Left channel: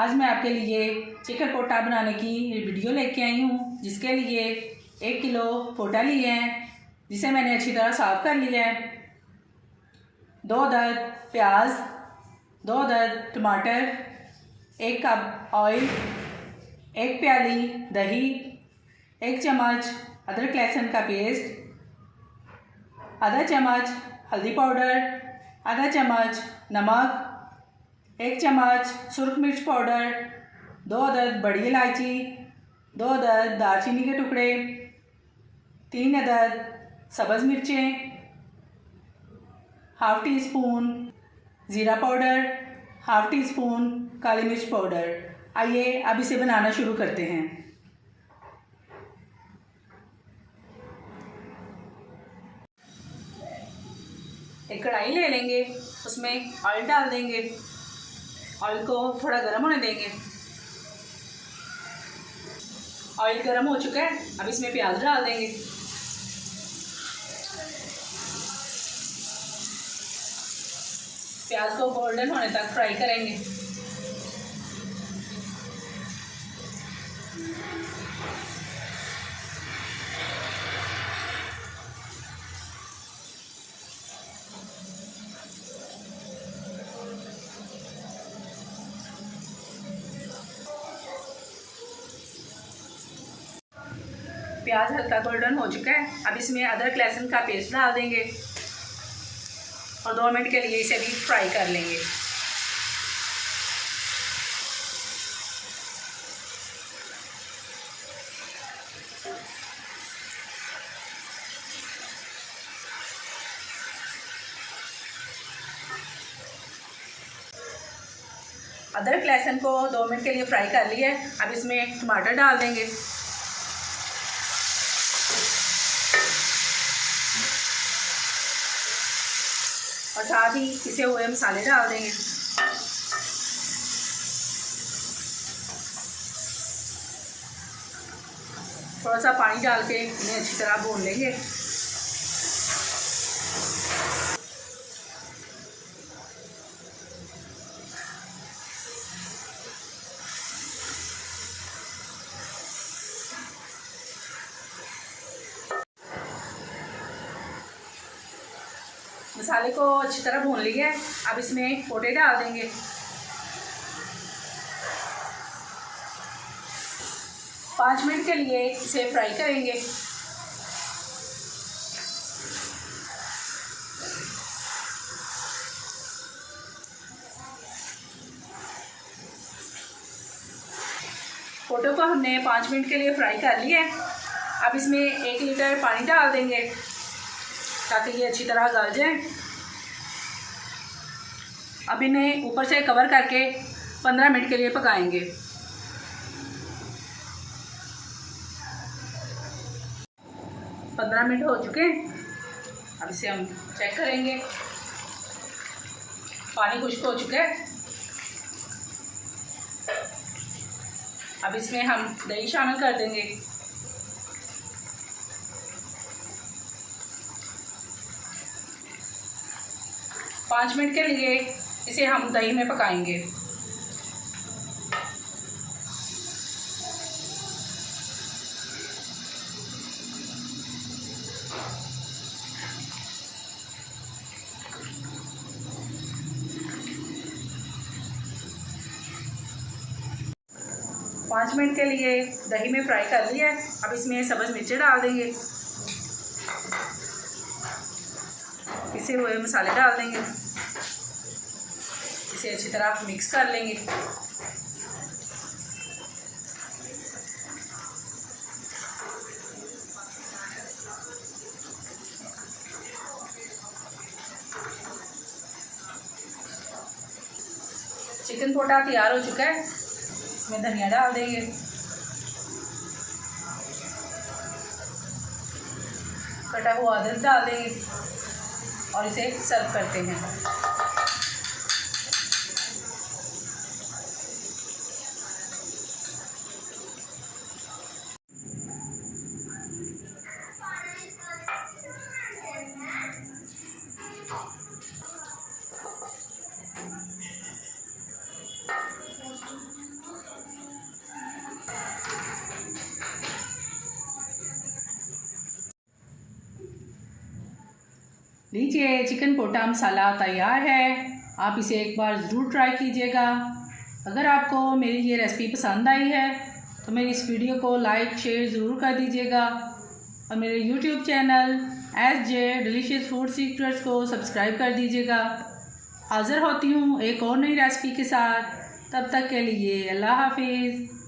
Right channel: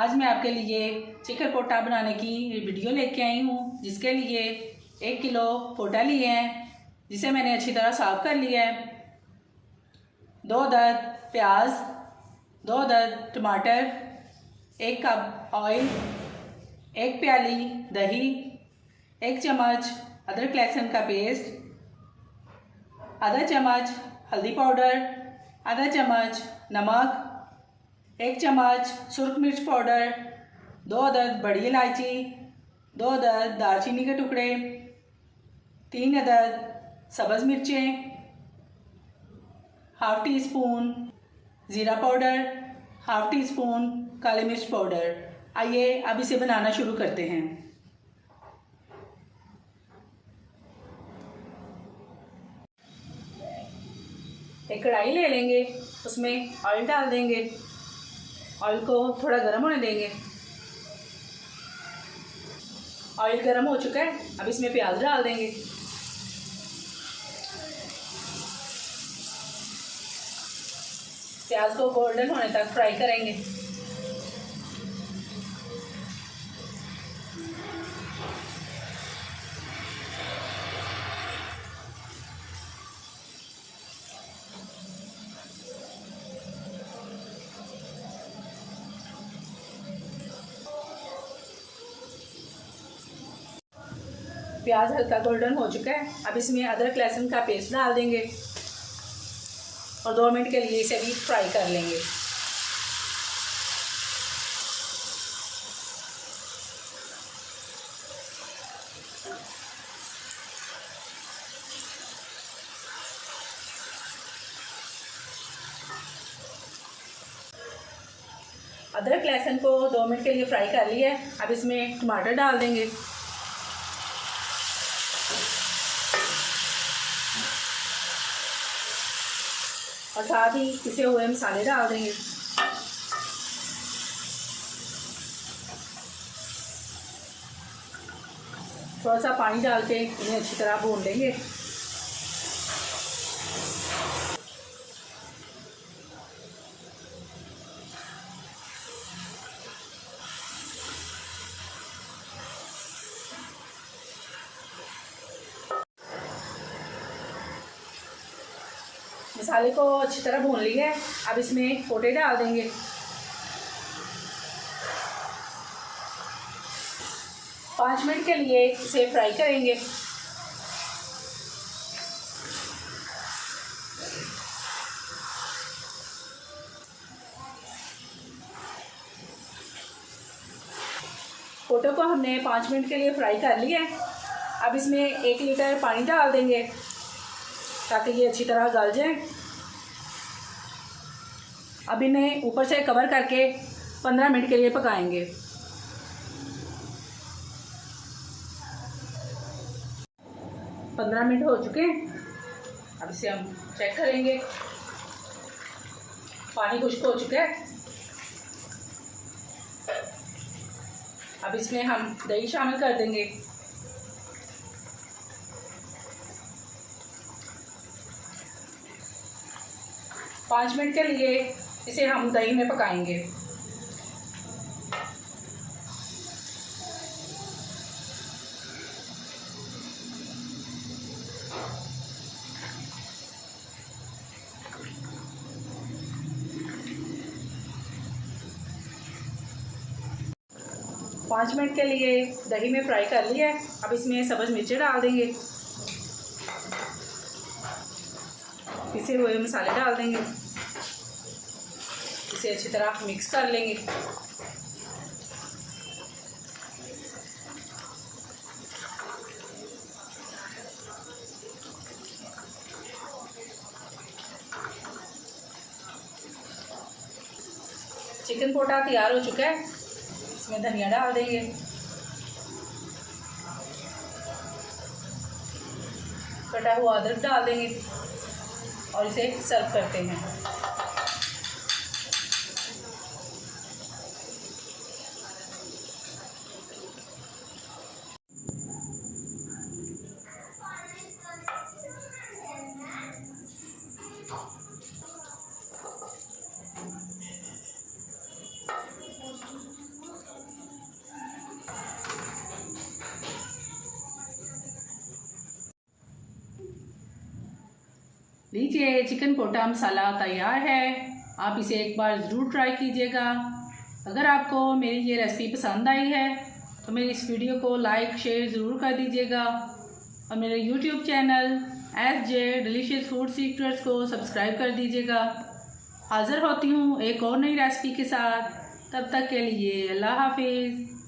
आज मैं आपके लिए चिकन पोटा बनाने की वीडियो लेके आई हूँ, जिसके लिए 1 किलो पोटा लिए हैं, जिसे मैंने अच्छी तरह साफ़ कर लिया है। 2 अदद प्याज, 2 अदद टमाटर, 1 कप ऑयल, 1 प्याली दही, 1 चम्मच अदरक लहसुन का पेस्ट, आधा चम्मच हल्दी पाउडर, आधा चम्मच नमक, 1 चम्मच सुरख मिर्च पाउडर, 2 अदद बड़ी इलायची, 2 अदद दालचीनी के टुकड़े, 3 अदद सब्ज़ मिर्चें, हाफ़ टी स्पून ज़ीरा पाउडर, हाफ़ टी स्पून काली मिर्च पाउडर। आइए अब इसे बनाना शुरू करते हैं। एक कढ़ाई ले लेंगे, उसमें ऑयल डाल देंगे। ऑयल को थोड़ा गर्म होने देंगे। ऑयल गर्म हो चुका है, अब इसमें प्याज डाल देंगे। प्याज को गोल्डन होने तक फ्राई करेंगे। प्याज हल्का गोल्डन हो चुका है, अब इसमें अदरक लहसुन का पेस्ट डाल देंगे और 2 मिनट के लिए इसे भी फ्राई कर लेंगे। अदरक लहसुन को 2 मिनट के लिए फ्राई कर लिया है, अब इसमें टमाटर डाल देंगे। और साथ ही पिसे हुए मसाले डाल देंगे। थोड़ा सा पानी डाल के इन्हें अच्छी तरह भून लेंगे। मसाले को अच्छी तरह भून लिया है, अब इसमें पोटे डाल देंगे। पाँच मिनट के लिए इसे फ्राई करेंगे। पोटो को हमने 5 मिनट के लिए फ्राई कर लिया है, अब इसमें 1 लीटर पानी डाल देंगे ताकि ये अच्छी तरह गल जाए। अब इन्हें ऊपर से कवर करके 15 मिनट के लिए पकाएंगे। 15 मिनट हो चुके हैं, अब इसे हम चेक करेंगे। पानी खुश्क हो चुका है, अब इसमें हम दही शामिल कर देंगे। पाँच मिनट के लिए इसे हम दही में पकाएंगे। पाँच मिनट के लिए दही में फ्राई कर लिया है, अब इसमें सब्ज़ मिर्चें डाल देंगे। पिसे हुए मसाले डाल देंगे, इसे अच्छी तरह मिक्स कर लेंगे। चिकन पोटा तैयार हो चुका है, इसमें धनिया डाल देंगे। कटा हुआ अदरक डाल देंगे और इसे सर्व करते हैं। लीजिए, चिकन पोटा मसाला तैयार है। आप इसे एक बार ज़रूर ट्राई कीजिएगा। अगर आपको मेरी ये रेसिपी पसंद आई है तो मेरी इस वीडियो को लाइक शेयर ज़रूर कर दीजिएगा और मेरे YouTube channel SJ delicious food secrets को सब्सक्राइब कर दीजिएगा। हाज़िर होती हूँ एक और नई रेसिपी के साथ। तब तक के लिए अल्लाह हाफिज़।